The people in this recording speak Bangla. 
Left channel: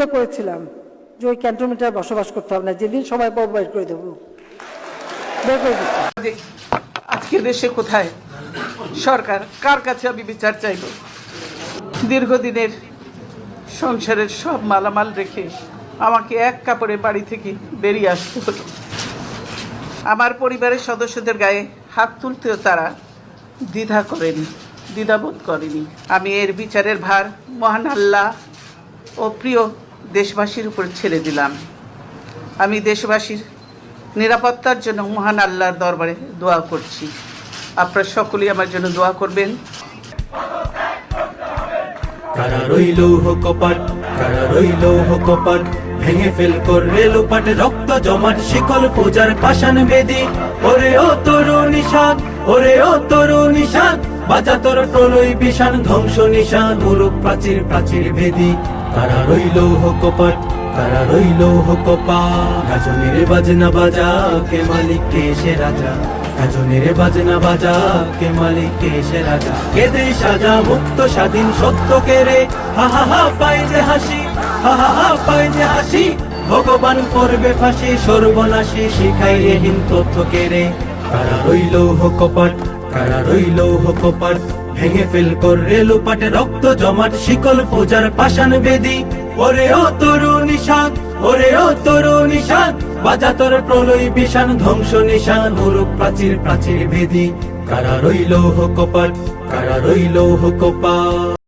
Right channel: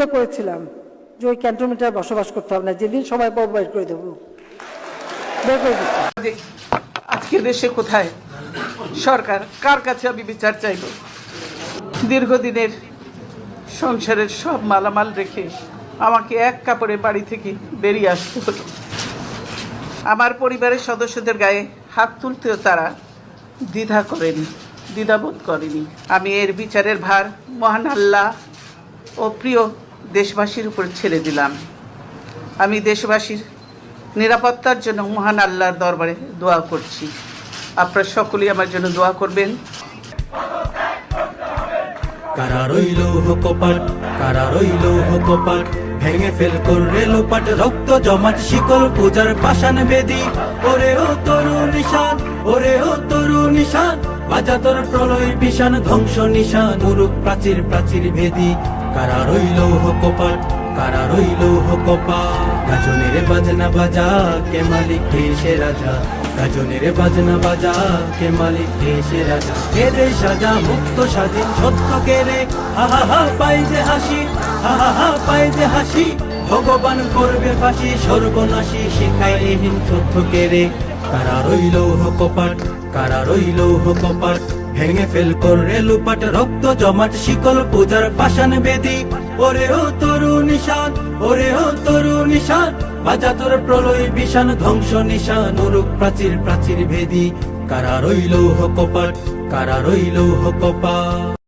প্রতিজ্ঞা করেছিলাম যে ওই ক্যান্টনমেন্টে আর বসবাস করতে হবে না, যেদিন সময় পাবো বের করে দেবো, বের করে দিতে। আজকে দেশে কোথায় সরকার, কার কাছে আমি বিচার চাইব? দীর্ঘদিনের সংসারের সব মালামাল রেখে আমাকে এক কাপড়ে বাড়ি থেকে বেরিয়ে আসতে হলো। আমার পরিবারের সদস্যদের গায়ে হাত তুলতেও তারা দ্বিধাবোধ করেনি। আমি এর বিচারের ভার মহান আল্লাহ ও প্রিয় দেশবাসীর উপর ছেড়ে দিলাম। আমি দেশবাসীর নিরাপত্তার জন্য মহান আল্লাহর দরবারে দোয়া করছি। আপনারা সকলেই আমার জন্য দোয়া করবেন। কারা রইল কপাল, কারা রইল কপাল, ভেঙে ফেল করবে লোপাট, রক্ত জমাট শিকল পূজার পাষাণ বেদি। ওরে ও তরুণ নিশান, ওরে ও তরুণ নিশান, বাজা তোর প্রলয় বিশান, ধ্বংস নিশান, গুরু প্রাচীর প্রাচীর বেদি। কারা রইল কপাল, কারা রইল কপাল, গাজনের বাজনা বাজা, কে মালিক কে সে রাজা, গাজনের বাজনা বাজা, কে মালিক কে সে রাজা। কে দেশ সাজা মুক্ত স্বাধীন সত্য কে রে, হা হা হা পায় যে হাসি, হা হা হা পায় যে হাসি, ভগবান করবে ফাঁসি, সর্বনাশী শিখাই এহীন তথ্য কে রে। কারা রইল কপাল, কারা রইল কপাল, ভেঙে ফেল করবে লোপাট, রক্ত জমাট শিকল পূজার পাষাণ বেদি। ওরে ও তরুণ নিশান, ওরে ও তরুণ নিশান, বাজা তোর প্রলয় বিশান, ধ্বংস নিশান, গুরু প্রাচীর প্রাচীর ভেদি। কারা রইল কপাল, কারা রইল কপাল।